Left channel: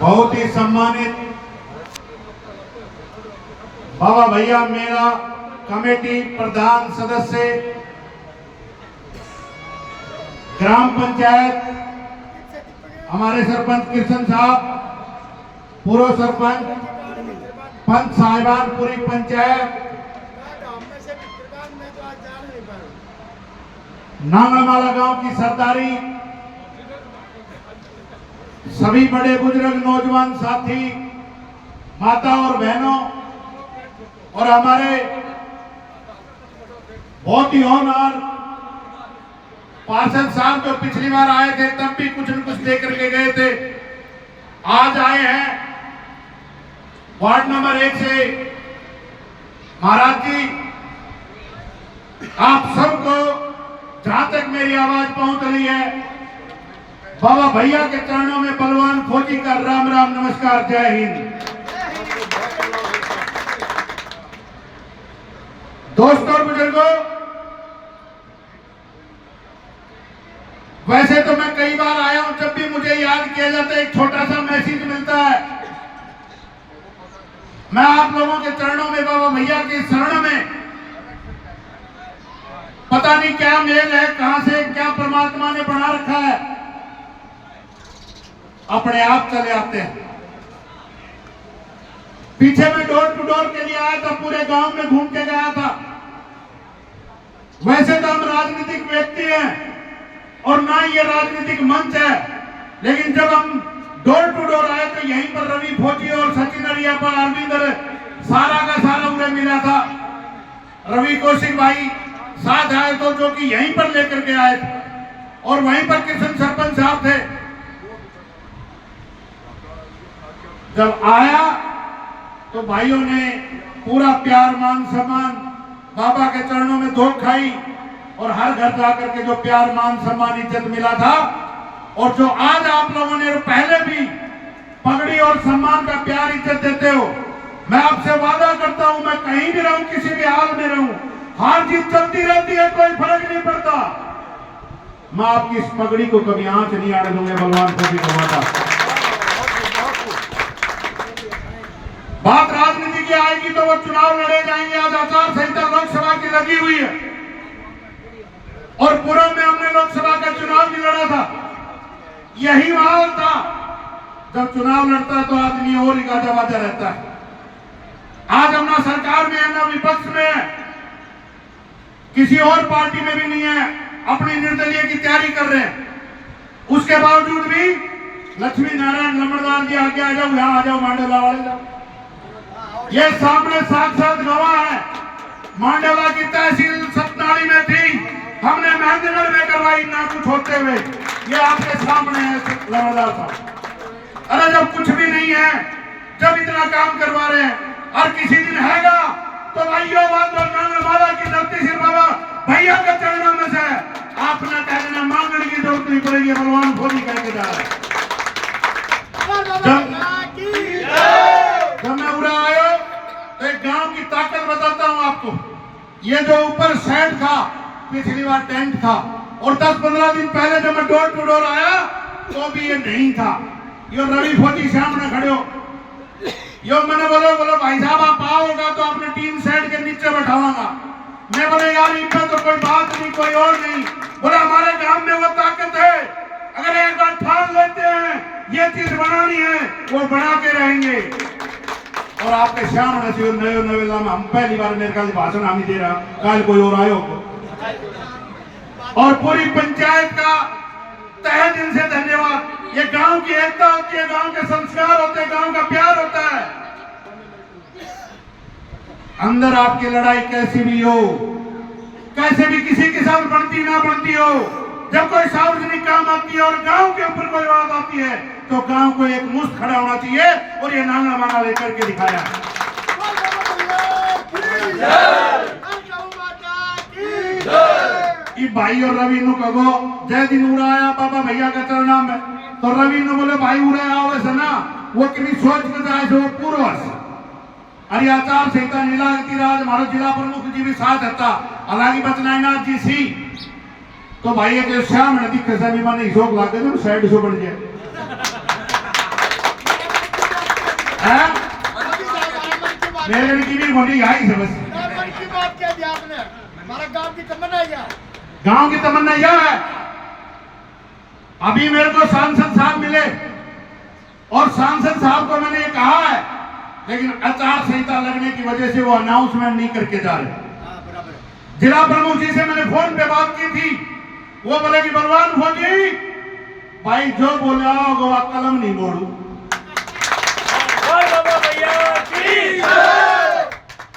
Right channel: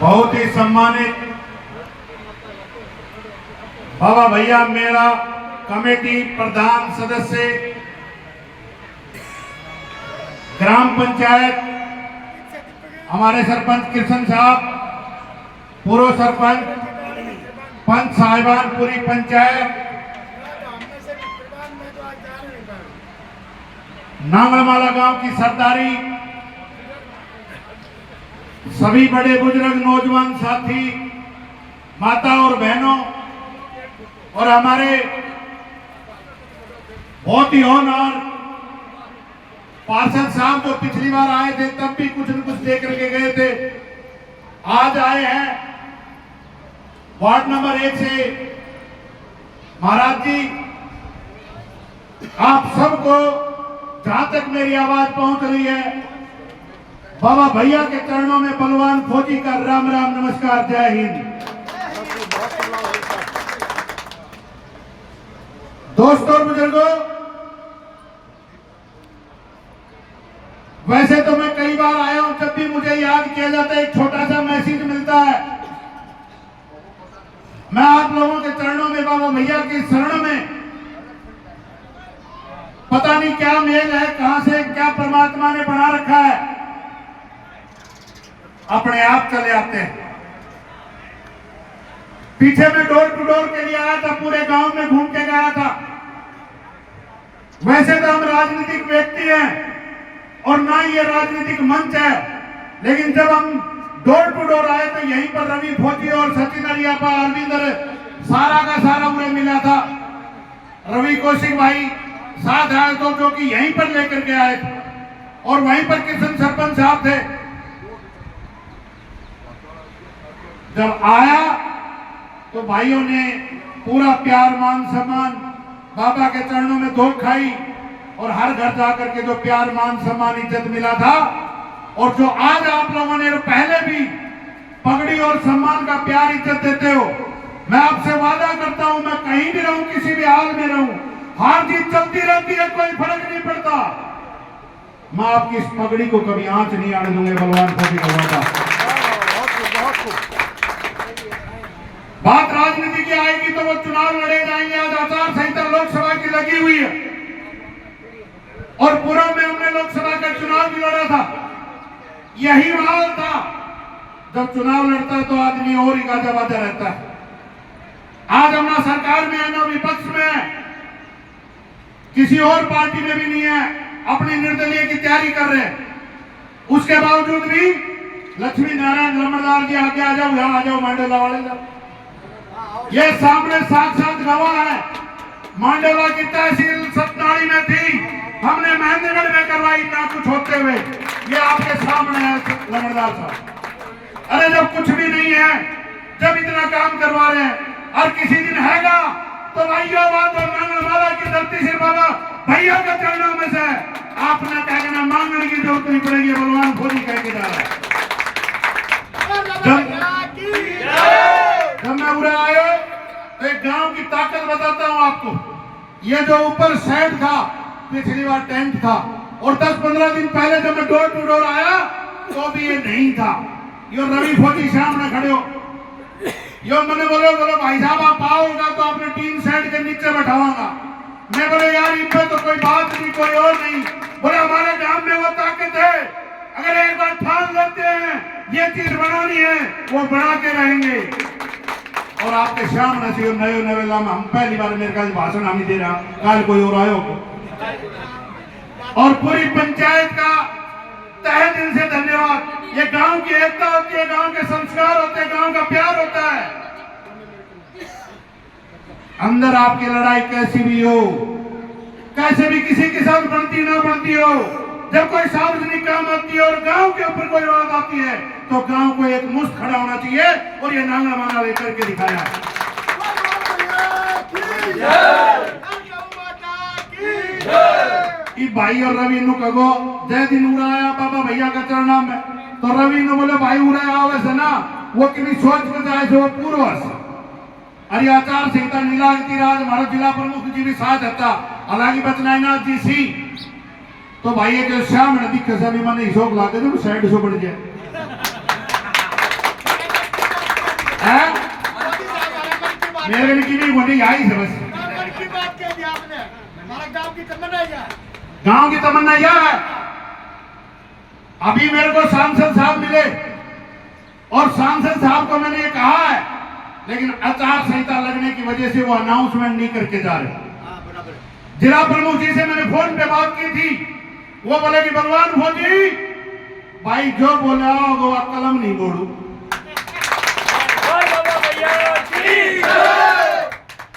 बहुत ही सम्मानित बाबा भैया मेरा कमेटी प्रधान सदस्य, ग्राम पंचायत हमारे सरपंच कृष्ण साहब, पूर्व सरपंच, पंच साहिबान, पूरी पंचायत, नांगलमाला गांव की सरदारी, सभी बड़े बुजुर्ग, नौजवान साथी, माता और बहनों, और हमारे बहुत ही ऑनर पार्षद साहब जो पिछली बार आए थे तब भी कुछ न कुछ दे करके गए थे, आज आए हैं वार्ड नंबर 1 से। महाराज जी, आप सबको जहां तक मेरी आवाज पहुंच रही है, बाबा भैया के चरणों में बलवान फौजी का राम राम नमस्कार, जय हिंद। दोस्तों और बुजुर्गों, वैसे तो मैं कई बार आया हूं, जब भी मुझे याद किया जाता है एक छोटा सा मैसेज मिलता है। मैं आप लोगों के चरणों में, बाबा भैया की शरण में, पता नहीं क्या मेल है, कहां से क्या परमात्मा ने बना रखा है, अपने आप चले आते हैं। पीछे में डोर टू डोर के लिए आया था, पूरे गांव में घूम के गया था। वैसे तो हम राजनीतिक व्यक्ति हैं और ना ही ये राजनीतिक मंच है, लेकिन जब हम डोर टू डोर आए तो यहीं पर रवि फौजी और सचिन अरियापा, अरविंद, सारा का सारा उन्हें मिला था। रवि कौशिक भाई साथ आए तो, जो कि यहीं पर लेकर के आए थे, और वहीं पर कृष्ण सरपंच साहब थे। जब आया तो भाइयों ने पूरा प्यार, मान सम्मान, बाबा के चरणों में धोख खाई, और हर घर जाकर के जो प्यार, मान सम्मान, इज्जत मिला था, और जो आज आप लोगों ने पहले भी पगड़ी और सम्मान का प्यार, इज्जत देते हो, मैं आपसे वादा करता हूं, मैं कहीं भी रहूं, किसी भी हाल में रहूं, हार जीत चलती रहती है, कोई फर्क नहीं पड़ता। मैं आपकी इस पगड़ी को कभी आंच नहीं आने दूंगा, भगवान को भी कहूंगा। बात राजनीति की आएगी तो वो चुनाव लड़े जाएंगे। आज आचार संहिता लोकसभा की लगी हुई है, और पूर्व में हमने लोकसभा का चुनाव भी लड़ा था। यही माहौल था, जब चुनाव लड़ता है तो आदमी और ही गाजा बाजा रहता है। आज हम ना सरकार में है, ना विपक्ष में है, किसी और पार्टी में भी नहीं है, अपनी निर्दलीय की तैयारी कर रहे हैं। उसके बावजूद भी लक्ष्मी नारायण लम्बरदार जी आगे आ जाओ, यहां आ जाओ, मांडला वाले जाओ, ये सामने साक्षात गवाह है। मांडला की तहसील सतनाड़ी में थी, हमने महेंद्रगढ़ में करवाई, ना कुछ होते हुए। ये आपके सामने है लम्बरदार साहब। अरे जब कुछ भी नहीं है, जब इतना काम करवा रहे हैं, और किसी दिन हैगा तो भाइयों, नांगलमाला की धरती से बाबा भैया के चरणों में से आपने कहना मांगने की जरूरत नहीं पड़ेगी, बलवान फौजी कह के जा रहा है। जब मैं उड़ा आया तो एक गांव की ताकत बताता हूं आपको। ये जो ऊपर शेड था, पिछली बार टेंट था, और 10-15 दिन पहले जब मैं डोर टू डोर आया तो भी ये नहीं था। यो रवि फौजी सामने खड़े हो, यो मैंने बोलो भाई साहब आप आओगा तो आपने टीन शेड के नीचे बैठाऊंगा। मैं बोले यार इन पर तो कोई बात नहीं, कोई और नहीं। बोले हमारे गांव में वो ताकत है, अगर एक बार ठान लेते हैं ये चीज बनानी है, वो बना के रहेंगे। और आपके सामने से नए नए लाम हम पहली बार मेरे ख्याल भाषण हम ही दे रहा, कल कोई और आयो, और पूरी पंचायत का तहे दिल से धन्यवाद। ये गांव की एकता होती है, गांव के संस्कार होते हैं, गांव का प्यार होता है। अंदर आपकी लड़ाई कैसी भी हो, कैसे भी किसी के साथ बनती ना बनती हो, जब कोई सार्वजनिक काम आती है और गांव के ऊपर कोई बात आती है तो गांव को एक मुश्त खड़ा होना चाहिए, और ये नांगलमाला लेकर के दिखाया। भाई और रवि नु कहो जय दिन उड़ाया बाबा भैया के चरणा में, तो रवि ने बोले भाई उड़ाया आवे ना, वो किसी सोच के जाए जो पूर्वज अरे आचार संहिता नीलावती राज हमारे जिला प्रमुख जी भी साथ था, हालांकि बचनानाथ जी सी तो भाई ये जो श्याम नदी खसा भी मैंने शोक लाते थे, साइड शो बन गया। मेरे की भी बोली आई से बस की बात कह दी आपने, हमारा गांव की तमन्ना यह है। गांव की तमन्ना यह है। अभी मेरे को सांसद साहब मिले और सांसद साहब को मैंने कहा है, लेकिन आचार संहिता लगने की वजह से वो अनाउंसमेंट नहीं करके जा रहे। जिला प्रमुख जी से मैंने फोन पे बात की थी, वो बोले कि बलवान भोजी भाई जो बोला वो कलम नहीं बोलू।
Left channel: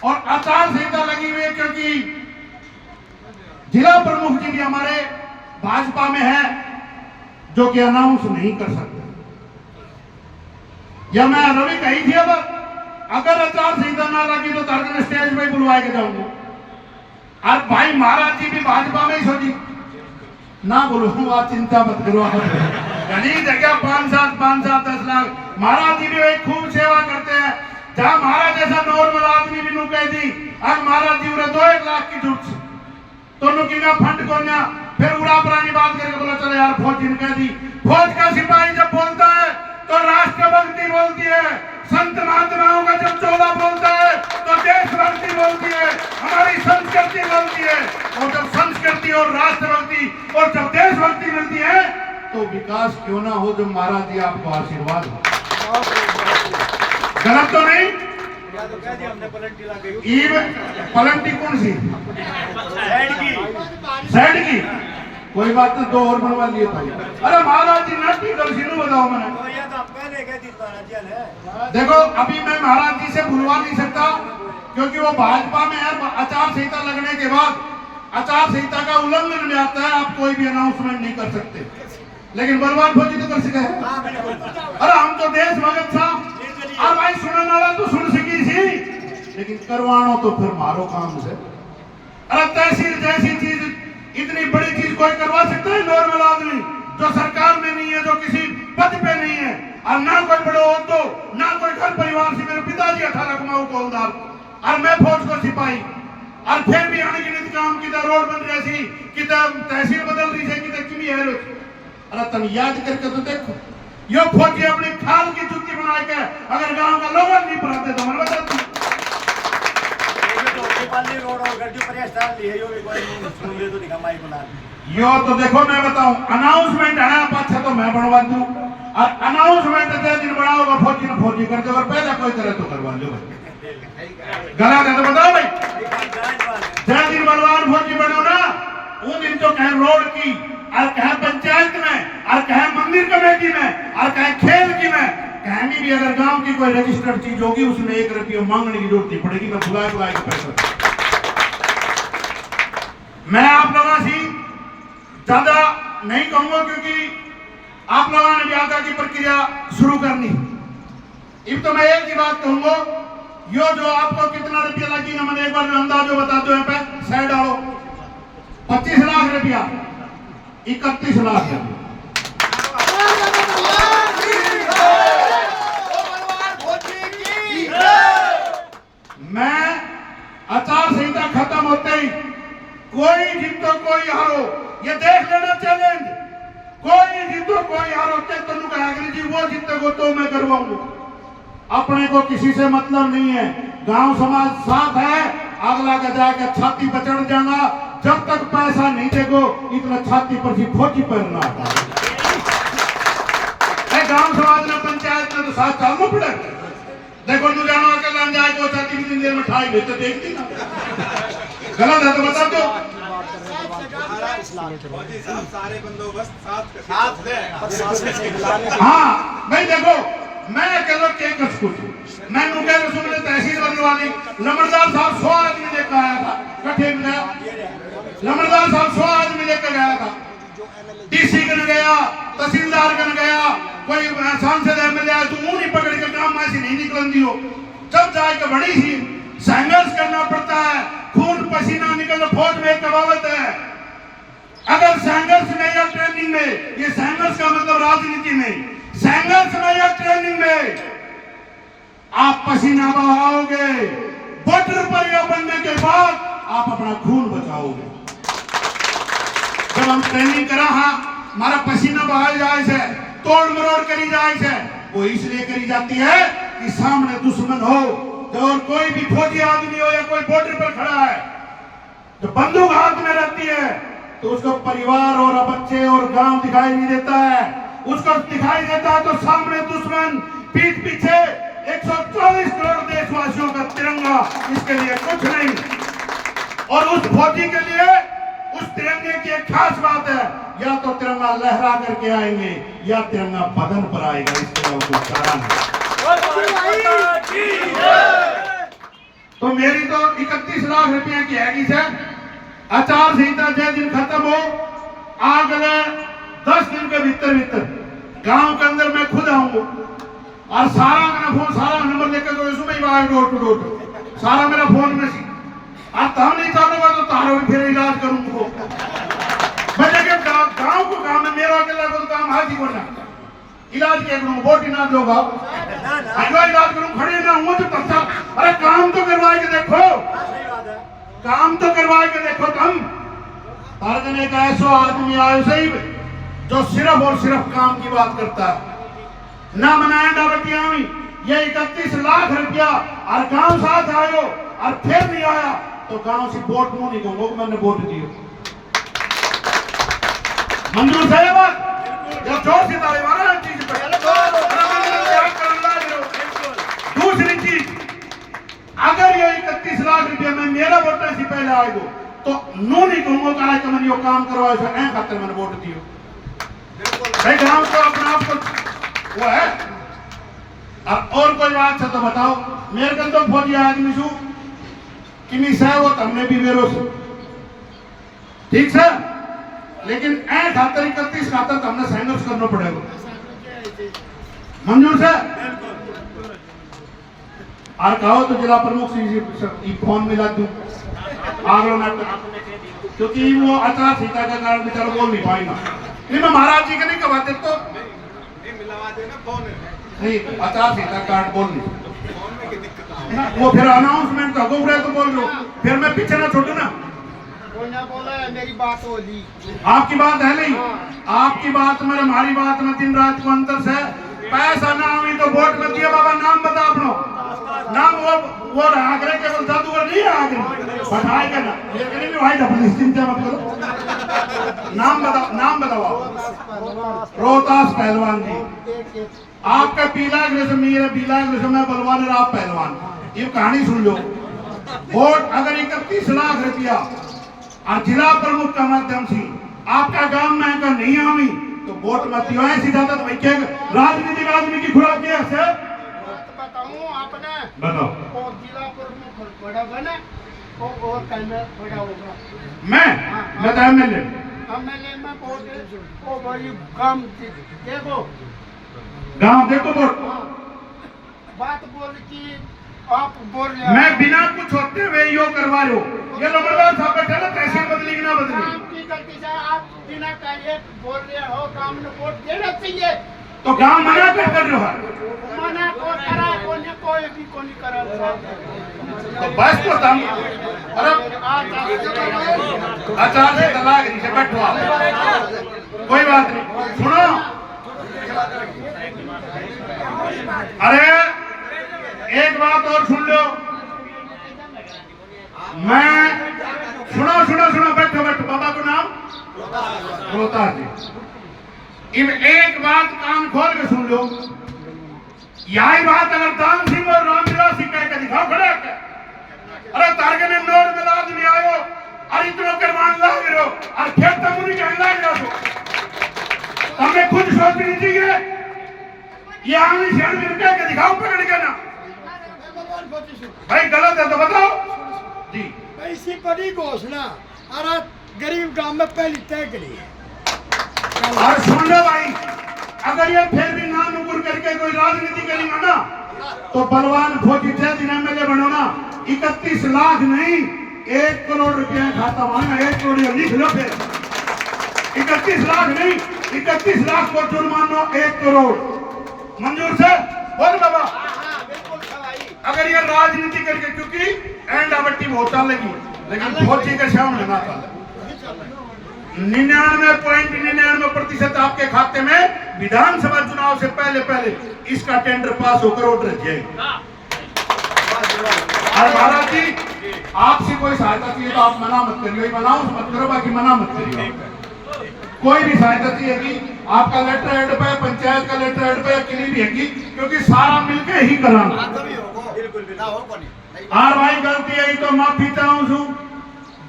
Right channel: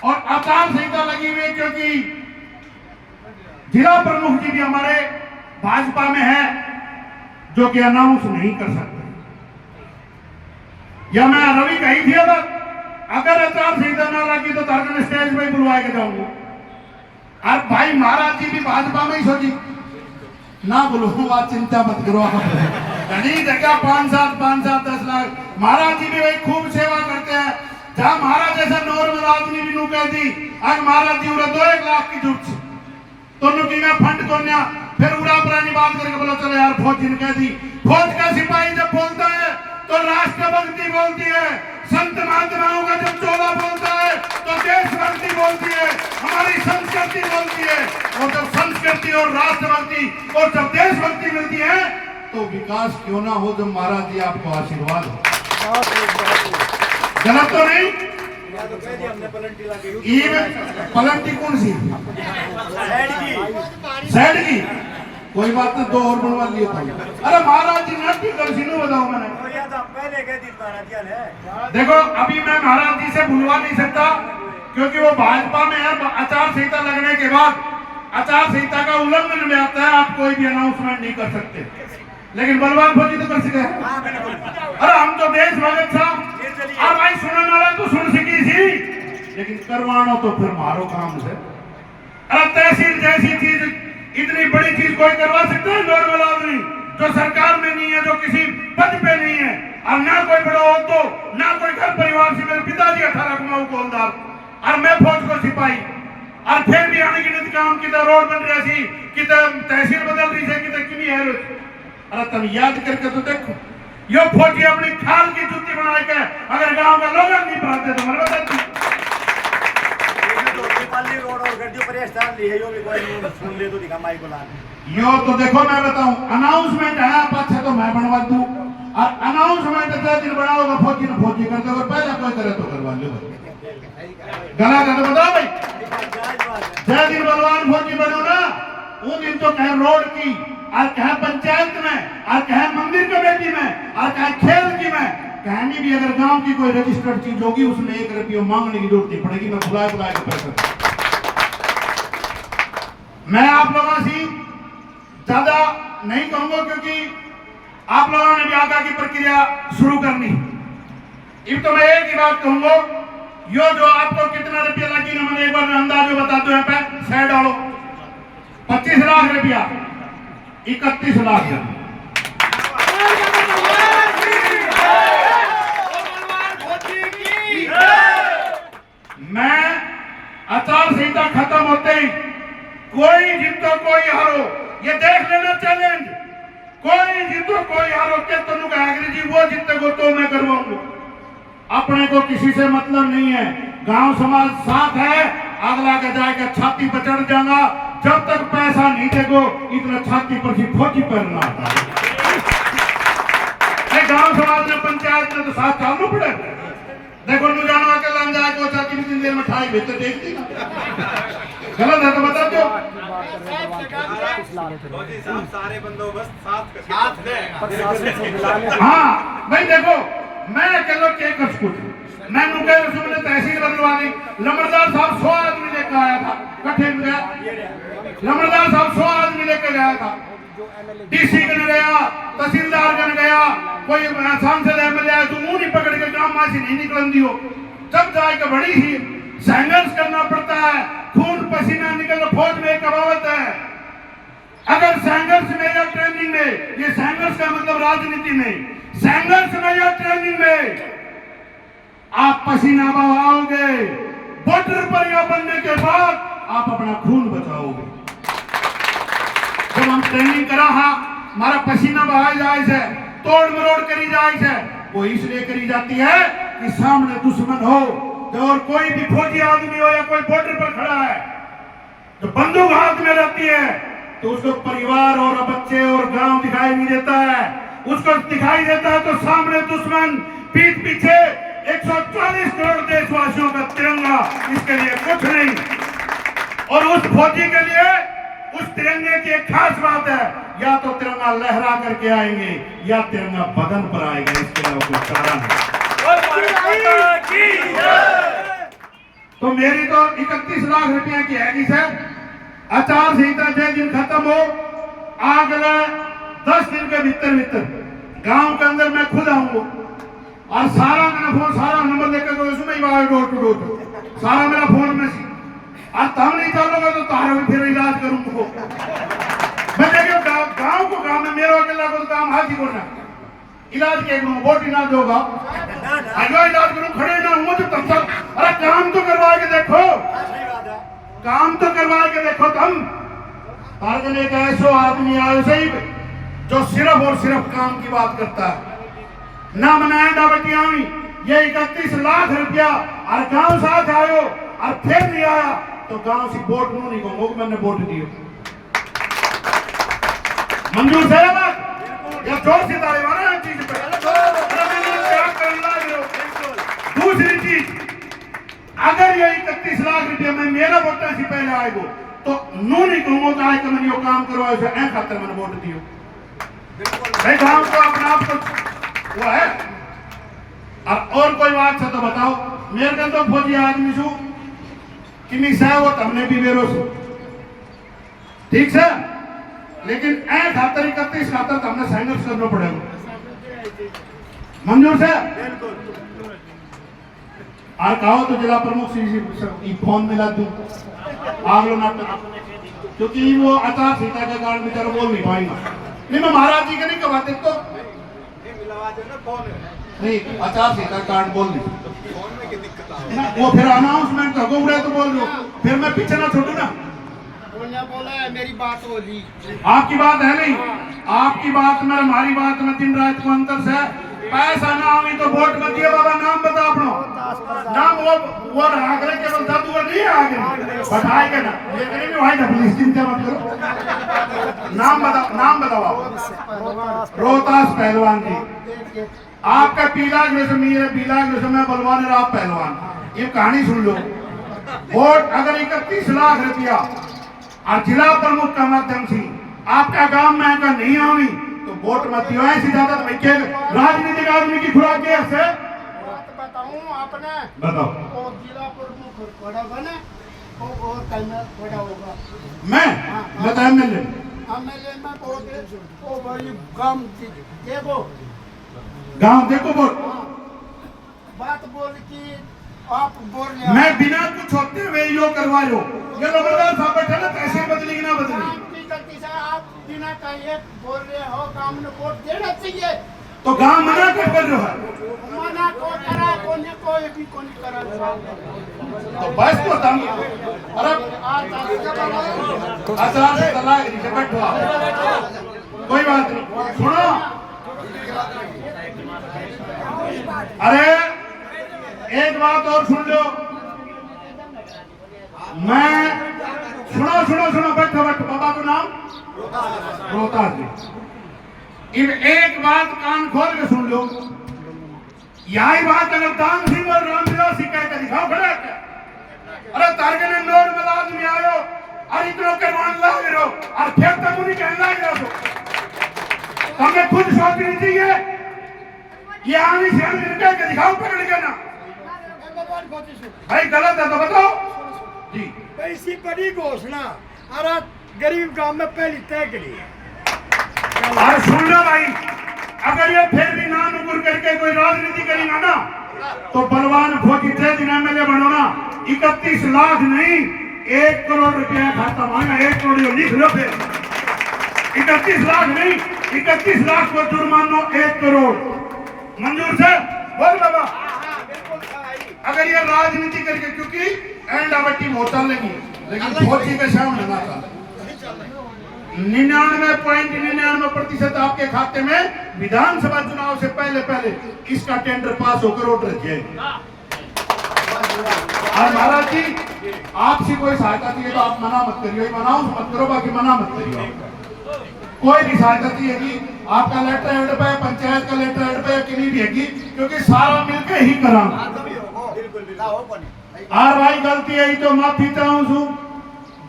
और आचार संहिता लगी हुई है क्योंकि जिला प्रमुख जी भी हमारे भाजपा में है जो कि अनाउंस नहीं कर सकते। या मैं रवि कही थी अब अगर आचार संहिता ना लगी तो तारकन स्टेज पे बुलवाए के जाऊंगा। और भाई महाराज जी भी भाजपा में ही सोची ना बोलूंगा, चिंता मत करो आप। घनी जगह 5-7 10 लाख महाराज जी भी भाई खूब सेवा करते हैं। जहां महाराज जैसा नॉर्मल आदमी भी नू कह दी आज महाराज जी उड़ा 2-1 लाख की जरूरत तो नु की फंड को फिर उड़ा पुरानी बात करके बोला चलो यार फौज जी ने कह दी। फौज का सिपाही जब बोलता है तो राष्ट्रभक्ति बोलती है, संत महात्माओं का जब चोला बोलता है तो देशभक्ति बोलती है, हमारी संस्कृति बोलती है। और जब संस्कृति और राष्ट्रभक्ति और जब देशभक्ति मिलती है तो विकास क्यों ना हो जब महाराज जी आपको आशीर्वाद हो। गलत तो नहीं? पलंटी कौन सी साइड की? कोई बात नहीं, 2 और बनवा लिए था। अरे महाराज जी नाटी कर सीनू बताओ मैंने। देखो अभी मैं महाराज जी से बुलवा नहीं सकता क्योंकि वो भाजपा में है। आचार संहिता लगने के बाद आचार संहिता का उल्लंघन में आता है, आप कोई भी अनाउंसमेंट नहीं कर सकते। लेकिन बलवान फौजी तो कर सके। अरे हम तो देश भगत साहब और भाई सुनने वाला तो सुन सकी सी, लेकिन करवानो तो फिर मारो काम से। अरे तहसील जैसी चीज इतनी बड़ी चीज कोई करवा सकता है नॉर्मल आदमी जो सरकार में नहीं है, जो किसी पद पे नहीं है, और ना कोई बड़ा ओहदो ना कोई घर परिवार से। मेरे पिताजी 18 कुमाऊं को हवलदार और मैं फौज को सिपाही, और फिर भी अनगिनत काम की रोड बन रही सी, कि तहसील बदल रही है, कि किमी है। अरे तुम याद करके तो देखो यो फौजी अपनी खाल की जुत्ती बना के अगर गांव का लोग नहीं पढ़ते तो मैं बताती। यो तो देखो मैं बताऊं अनाउंसमेंट है आप अच्छा तो मैं बनवा दूं, और अनाउंसमेंट जय दिन बढ़ाओगे फौजी ने फौजी कर दो, अगर पैदा कोई करे तो करवा लो। गलत है तो बताओ भाई। जय दिन बलवान फौजी बनो ना उन दिन तो कहे रोड की और कहे पंचायत में और कहे मंदिर कमेटी में और कहे खेल की में कहनी भी अगर गांव की कोई रजिस्टर्ड चीज होगी उसमें 1 रुपया मांगने की जरूरत नहीं पड़ेगी। मैं बुलाए के पैसा मैं आप लोगों से ज्यादा नहीं कहूंगा क्योंकि आप लोगों ने भी आगे की प्रक्रिया शुरू करनी। अब तो मैं एक ही बात कहूंगा, यो जो आपको कितना रुपया लगेगा मैंने एक बार अंदाजो बता दो। यहाँ पे साइड डालो 25 लाख रुपया 31 लाख। मैं आचार संहिता खत्म होते ही कोई जीतो कोई हारो ये देख लेना चैलेंज। कोई जीतो कोई हारो के तनु कहेंगे जी वो जीतेगो तो मैं करवाऊंगा। अपने को किसी से मतलब नहीं है, गांव समाज साथ है। अगला के जाएगा छाती पर चढ़ जाना, जब तक पैसा नहीं देगो इतना छाती पर ही फौजी पहनना आता है। गांव समाज ने पंचायत में तो साथ चालू पड़े। देखो नु जानो अकेला जाए को छाती में दिन में ठाई भेजते देखती ना। गलत है तो बता दो। सारे बंदोबस्त साथ है। हाँ भाई देखो मैं अकेला के कर कुछ मैं नुके रसूल ने तहसील बदलवानी लमड़दार साहब 100 आदमी लेकर आया था कठे में लमड़दार साहब 100 आदमी लेकर गया था। डीसी कन गया, तहसीलदार कन गया, कोई सांसद एमएलए तो मुंह नहीं पकड़ के काम मासी नहीं निकलन दियो। जब जाके बड़ी सी संघर्ष करना पड़ता है, खून पसीना निकलना फौज में कहावत है। अगर संघर्ष में या ट्रेनिंग में, ये संघर्ष का मतलब राजनीति में, संघर्ष में या ट्रेनिंग में आप पसीना बहाओगे, बॉर्डर पर या बनने के बाद आप अपना खून बचाओगे। जब हम ट्रेनिंग करा हमारा पसीना बहाया जाए से, तोड़ मरोड़ करी जाए से, वो इसलिए करी जाती है कि सामने दुश्मन हो और कोई भी फौजी आदमी हो या कोई बॉर्डर पर खड़ा है, तो बंदूक हाथ में रहती है तो उसको परिवार और बच्चे और गांव दिखाई नहीं देता है। उसको दिखाई देता है तो सामने दुश्मन, पीठ पीछे 140 करोड़ देशवासियों का तिरंगा, इसके लिए कुछ नहीं। और उस फौजी के लिए उस तिरंगे की एक खास बात है, या तो तिरंगा लहरा करके आएंगे या तिरंगा बदन पर आएगा, इसके अलावा कोई चारा नहीं। तो मेरी तो 31 लाख रुपया की हैगी सर। आचार संहिता जय दिन खत्म हो, अगले 10 दिन के भीतर गांव के अंदर मैं खुद आऊंगा और सारा मेरा फोन, सारा नंबर लेकर तो उसमें ही आए डोर टू डोर, सारा मेरा फोन में सी। और तब नहीं चलोगा तो तारे भी फिर इलाज करूंगा। मैं जगह गांव को काम है, मेरा अकेला को काम हाथ ही बोलना इलाज के वोट ही ना दोगा, इलाज करूं, खड़े ना हूं तो तब तक। अरे काम तो करवा के देखो, काम तो करवा के देखो तुम। तारगन एक ऐसा आदमी आयो सही जो सिर्फ और सिर्फ काम की बात करता है, ना मनाया डाबटिया ये 31 लाख रुपया और गांव साथ आयो और फिर नहीं आया तो गांव से वोट नहीं कहूंगा, मैंने वोट दियो। मंजूर है बात, या जोर से ताले मारा है चीज पर। दूसरी चीज, अगर ये 31 लाख रुपया में मेरा वोटर से पहले आएगो तो नू नहीं कहूंगा कि मैंने यो काम करवाया से ऐ खातर मैंने वोट दियो। भाई गांव को अपने आप को वो है। और कोई बात है तो बताओ, मेरे कन तो फौजी आदमी छू कि नहीं सह वो तमने भी बेरो से ठीक से, लेकिन ऐ खातर 31 खातर तमने संघर्ष करना पड़ेगा। मंजूर से और कहो तो जिला प्रमुख से फोन मिला दूं आगलो नाटक, क्योंकि वो आचार संहिता के कारण बेचारा बोल नहीं पाएगा। नहीं मैं महाराज जी के नहीं कहवाते तो नहीं, आचार संहिता कार्ड बोल नहीं ना, वो फिर अनाउंसमेंट हो गया तो बोल लो, फिर मैं पीछे ना छोड़ू ना। बोला मेरी बात होगी, आपकी बात है नहीं, आपकी बात में हमारी बात में दिन रात को अंतर से। पैसा ना आवी तो वोट मत दिया बाबा, नाम बता अपनो नाम। वो आगरे केवल जादूगर नहीं है, आगे बताएगा ना, लेकिन भी भाई अपनी चिंता मत करो। नाम बताओ आप। रोहतास पहलवान जी, आपका पीला ग्रेस मेरे पीला ग्रेस में बलवान है, आप पहलवान। ये कहानी सुन लो। वोट अगर 31 लाख रुपया और जिला प्रमुख का माध्यम से आपका गांव में अगर नहीं आवी तो वोट मत दियो। ऐसी ज्यादा तो भाई क्या राजनीतिक आदमी की खुराक क्या है बताऊं आपने, बताओ। वो जिला प्रमुख बड़ा बना और कल में बड़ा होगा। मैं तो एमएलए में बहुत वो बड़ी काम देखो, गांव देखो वोट। बात बोल की आप बोल रहे, मैं बिना कुछ होते हुए यो करवा लो। ये लोग साहब बैठे ना, तहसील बदली कि ना बदली, काम की गलती से आप बिना कहे बोल रहे हो, काम में वोट देना चाहिए तो गांव मना कर रहे हो। मना को करा कोई भी को नहीं करा तो बस तो तुम अरे आचार से तलाक से बैठो आप, कोई बात नहीं। सुनो, अरे एक बात और सुन लो, मैं सुनो बैठो बाबा को नाम रोहतास जी। इन एक बात कान खोल के सुन लो, यही बात अगर दान सिंह और रामविलास सिंह कह के दिखाओ खड़े। अरे तारगे ने नोर में आदमी आयो और इतनो करवान लाग रहो और फिर तक उन्हीं कहने लाग रहो तो हमें खुद सोचनी चाहिए। ये आमी शहर में कह के दिखाओ पकड़ के ना, भाई गलत है तो बताओ जी। ऐसी बड़ी घोषणा अरे गरीब गांव में पहली तय करी है। और सुन लो भाई, अगर ये फिर भी ना नुकुर करके कोई राजनीति करेगा ना तो बलवान फौजी थे दिन एमएलए बनो ना, 31 लाख नहीं 1 करोड़ रुपया खाता मांगा। 1 करोड़ लिख लो फिर, 31 लाख नहीं 31 लाख को जुर्माना 1 करोड़। मंजूर से बोल बाबा। अगर ये राजनीति करके, क्योंकि एंड आवटी बहुत चलेगी लेकिन फौजी के सामने ना चले। 99.99% आपके खाते में विधानसभा चुनाव से पहले इसका टेंडर पास होकर ऑर्डर जाएगा। और महाराज जी आपसे कोई सहायता चाहिए तो आप मना मत करिए, मनाओ मत करो, बाकी मना मत करिए। कोई भी सहायता चाहिए कि आपका लेटर हेड पे, पंचायत का लेटर हेड पे किसी भी है, क्योंकि सारा मिलके ही कराना। और भाई गलती है तो माफी चाहूँ छू।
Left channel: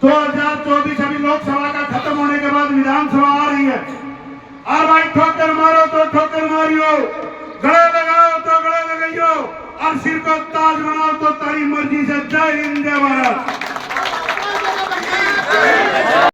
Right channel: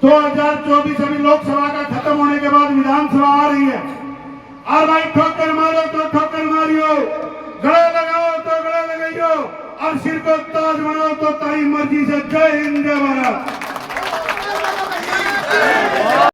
2024 अभी लोकसभा का खत्म होने के बाद विधानसभा आ रही है। और भाई ठोकर मारो तो ठोकर मारियो, गले लगाओ तो गले लगाइयो, और सिर को ताज बनाओ तो तारी मर्जी से। जय हिंद, जय भारत।